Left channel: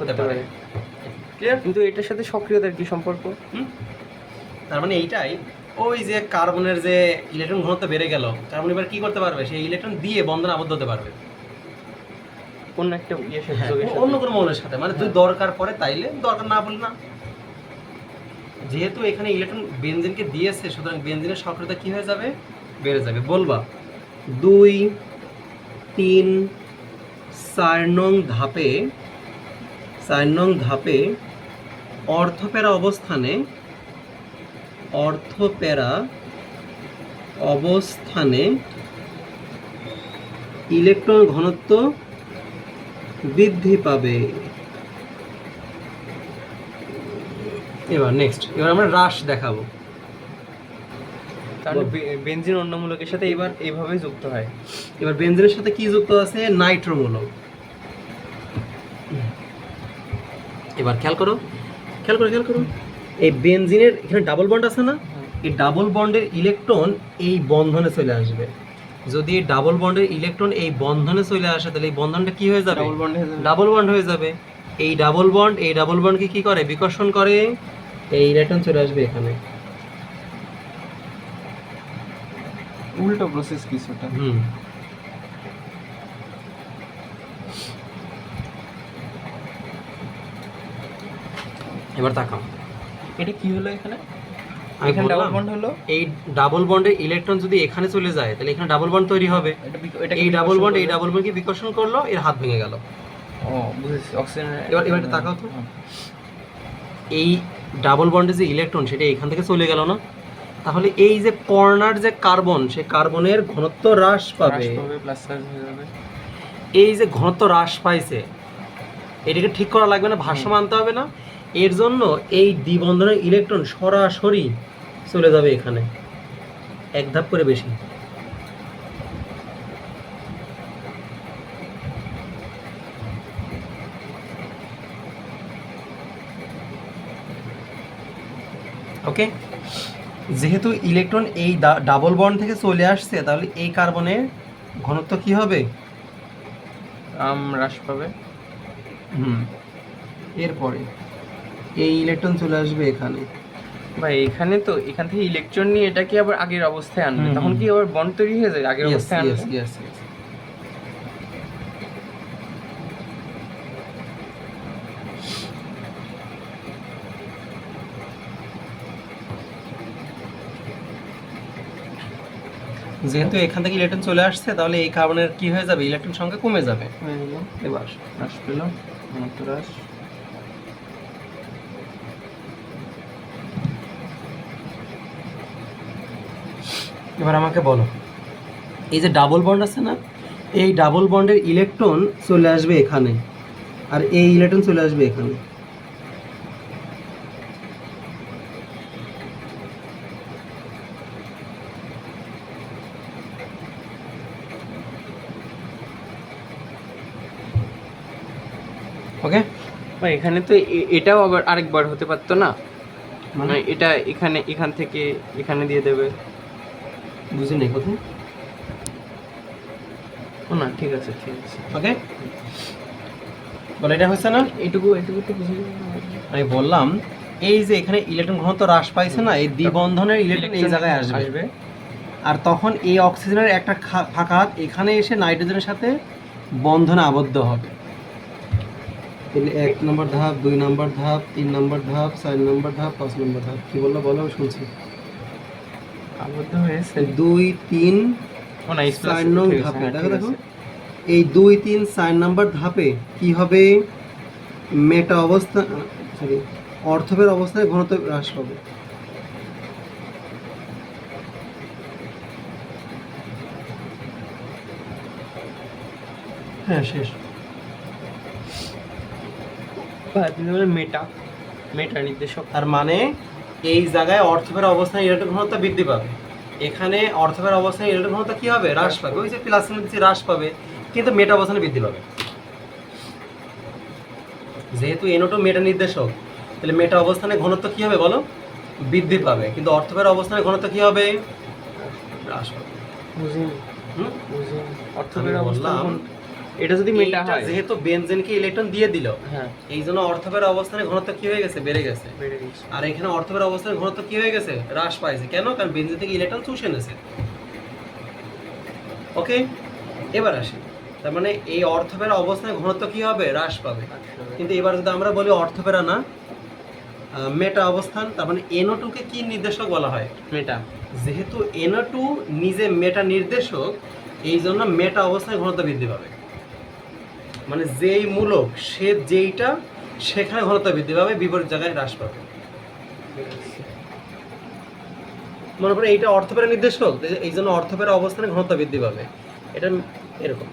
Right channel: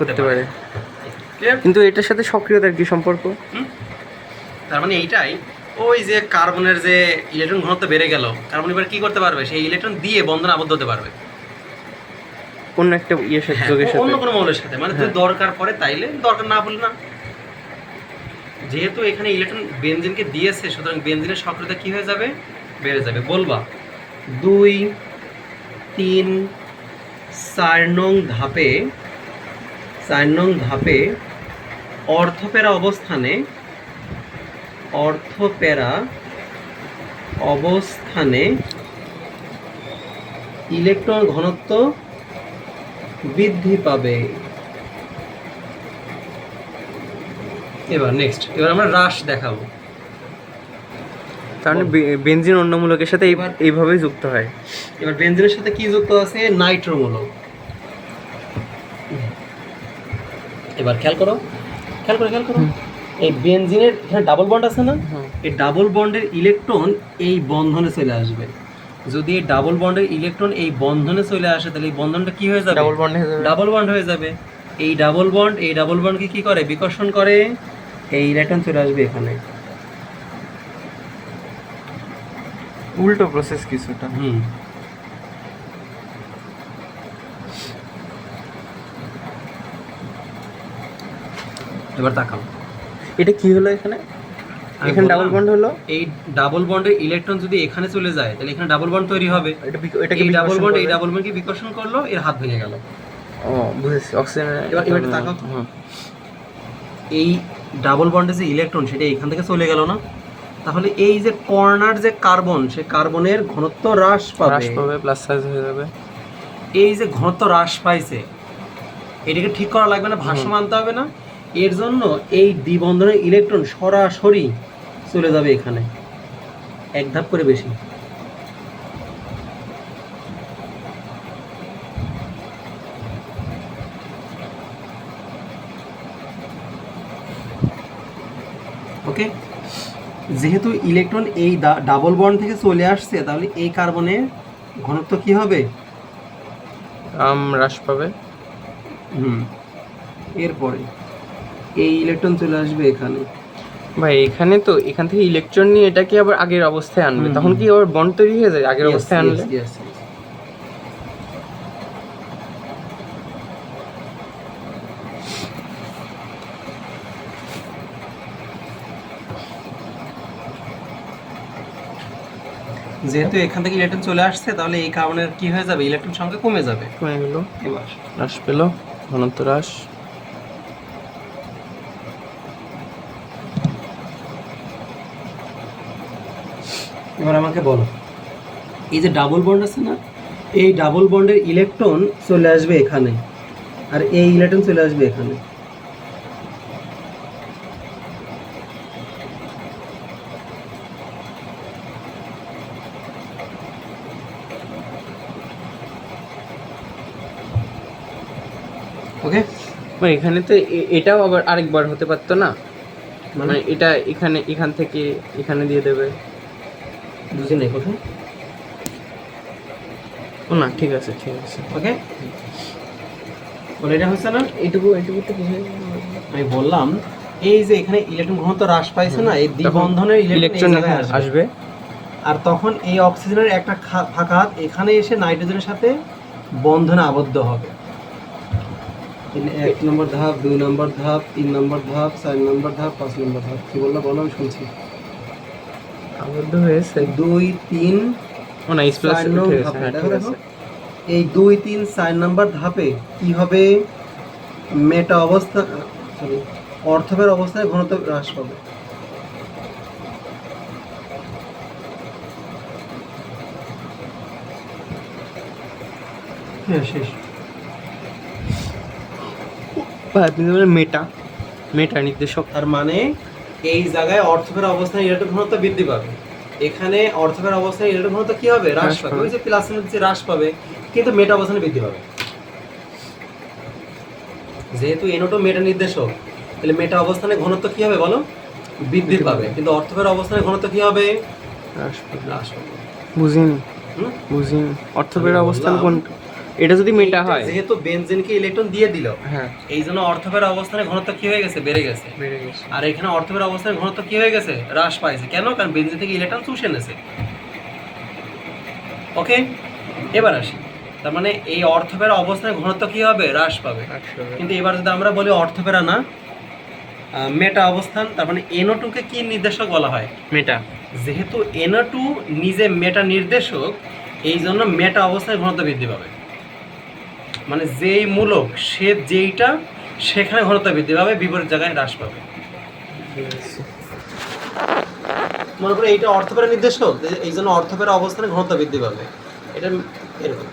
করতে পারে। কিন্তু এটার সাথে সক্রিয়তার কি সম্পর্ক? তার মানে এইটাই, ওই যে কার্বনের যে ইলেকট্রন ঘনত্ব বেড়ে গেল, কার্বন এবার কি করতে পারবে, সেই ইলেকট্রন দিয়ে বন্ধনে আবদ্ধ হতে পারবে অন্য একটা ইয়ের সাথে, যোগের সাথে, অন্য কোনো মৌলের সাথে। মানে তুই দরকার পড়ে তাইলে, দরকার না বলে না। যেহেতু এখানে ইলেকট্রন বেনজিনকে দিয়েছে, সুতরাং বেনজিনের সক্রিয়তা কি হয়ে যাবে, বেড়ে যাবে। বলবা 2, 3, 4 নং ধাপে, 4 নং ধাপে অর্থপেরা অবস্থানে ইলেকট্রন ঘনত্ব বৃদ্ধি পাবে। এবার আমরা হ্রাস দেখাবো। তাহলে বেনজিন অন্য মূলকের সাথে এইভাবেই যুক্ত হয়। এবার বেনজিনের সাথে কি যুক্ত আছে, নাইট্রো মূলক। এবার খেয়াল করো, এই বেনজিনের এখানে ডাবল বন্ড আছে না, এই ডাবল বন্ডের ইলেকট্রন এই বন্ধনে চলে আসবে। যদি এই ডাবল বন্ডের ইলেকট্রন এই বন্ধনে চলে আসে, তাহলে এই বন্ধনটা কি হয়ে যাবে, ডাবল বন্ড হয়ে যাবে। এই ডাবল বন্ডকে কি করে, বিকর্ষণ করে, এই ইলেকট্রন চলে আসবে এখানে। উল্টো প্রসেস কিছুটা। এবার তাকাও, এটা কি হলো, এখানে ডাবল বন্ড হলো। এই ডাবল বন্ডের ইলেকট্রন যদি এখানে চলে যায়, তাহলে এখানে ডাবল বন্ড তৈরি হবে। এই ডাবল বন্ডকে বিকর্ষণ করলো, এর হাত ভেঙে গেল। ও বুঝেছি, অক্সিজেন। এবার তাকাও তো, এই ডাবল বন্ডের যে ইলেকট্রন সেটা এখান থেকে চলে গেল না, তাহলে এই যে কর্নার যে কার্বন, সে কার্বনের ঘনত্ব হ্রাস পাবে, প্লাস সাইজ হয়ে যাবে। এই যে ঘনত্ব হ্রাস পাইছে, এটাকে ঠিক করা লাগবে না, ভারসাম্য আনতে হবে না। এর জন্য এই দ্বিবন্ধনের ইলেকট্রন সরাসরি চলে যাবে এখানে, এক ধাপ করে বেশি। ওকে, যেহেতু ইলেকট্রন এই ডাবল বন্ড থেকে চলে আসছে, তাহলে এই কার্বনের ঘনত্ব কি হবে, হ্রাস পাবে। এরপরে এই ইলেকট্রন চলে আসবে এখানে। ভাই এখানে তো এখান থেকে ইলেকট্রন নিয়ে এটাকে আবার আগের অবস্থায় আনবে, তখন কি আবার বন্ড তৈরি হয়ে যায় আগের অবস্থায় আনলে? যেহেতু এখান থেকে ইলেকট্রন চলে আসছে, তাহলে এই কার্বনের কি হয়ে যাবে, ইলেকট্রন সংখ্যা কমে যাবে। কমে গেল, এবার হ্রাস পেল, ঘনত্ব হ্রাস। এবার আমাকে বলো, এই যে ডাবল বন্ড আছে না, এই ডাবল বন্ডের ইলেকট্রন চলে আসবে এখানে, আর এই ইলেকট্রন চলে আসবে এখানে। ওকে, এখানে তো এটাও আবার আরেকবার হতে পারতো না, মানে এটা এখান থেকে এখানে দিয়ে দেবে, বুঝি নেই কোথায়। ও না, ঠিক আছে। ওকে, বলে এটা হচ্ছে না, এটুকু তো বুঝে আমি বললাম, এই যে এখানে ইলেকট্রন ঘনত্ব হ্রাস পাইছে না, এই দ্বিবন্ধনের ইলেকট্রন আসবে, আর তখন এই অক্সিজেনের একটা ফাঁকা হাত এখানে এসে নাইট্রোজেনের সাথে বন্ধনে আবদ্ধ হবে। 1 নম্বর ধাপ, 2 নম্বর ধাপ, 3 নম্বর ধাপ, 4 নম্বর ধাপ, 5 নম্বর ধাপ। কি বললো বলো, আমি শুনছি। আবদ্ধ হয়েছে 2, 3, 4 নম্বর ধাপে, দেখো এই 2, 3, 4 নম্বর ধাপে কি হবে, মেটা অবস্থা, সরি, অর্থবের অবস্থায় ঘনত্ব হ্রাস পাবে। হ্যাঁ, শেষ। মেটা নির্দেশক। তার মানে এই জায়গায় অর্থবের অবস্থায় ইলেকট্রন ঘনত্ব বৃদ্ধি পাবে, এখানে অর্থবের অবস্থায় ইলেকট্রন ঘনত্ব কি হবে, হ্রাস পাবে। ওই যে প্লাস মধ্যে হ্রাস পাবে, কিন্তু মেটা অবস্থানে বৃদ্ধি পাবে। যেহেতু এনোটো মেটা নির্দেশক, তাহলে মেটা অবস্থানে ঘনত্ব কি হবে বলো, বৃদ্ধি পাবে, কিন্তু অর্থবের অবস্থানে ঘনত্ব কি হবে, হ্রাস পাবে। বুঝিনি অর্থবের অবস্থান কোন, এটা যদি মেটা এইটা হয়, যেহেতু বেনজিনকে ইলেকট্রন দিয়ে দিল, হ্যাঁ এই জন্য অর্থপের অবস্থানে ঘনত্ব কি হয়ে গেছে, বেড়ে গেছে। বেড়ে গেছে। আর এখানে অর্থপের অবস্থানে ঘনত্ব কি হয়ে গেছে, হ্রাস পাইছে। কেন? কারণ বেনজিন থেকে ইলেকট্রন চুষে এনেছে। ওকে, এবার আসি, তার মানে এই অর্থপের অবস্থানে ঘনত্ব কি হবে, হ্রাস পাবে। কিন্তু এবার যদি আমরা বলি অর্থপেরা না, মেটা অবস্থান, তার মানে NO2 কে কি নির্দেশক বলা হয়, মেটা। যেহেতু NO2 নিজে মেটা নির্দেশক, এই জন্য মেটা অবস্থায় ঘনত্ব বৃদ্ধি পাবে। মানে যেই মূলক সে যেইটা, সেখানে ঘনত্ব বৃদ্ধি পাবে, বিপরীত জায়গায় হ্রাস পাবে। মনে করো এইটা অর্থপেরা নির্দেশক, এই জন্য অর্থপেরা অবস্থানে ঘনত্ব বৃদ্ধি পাবে। এটা এরকম।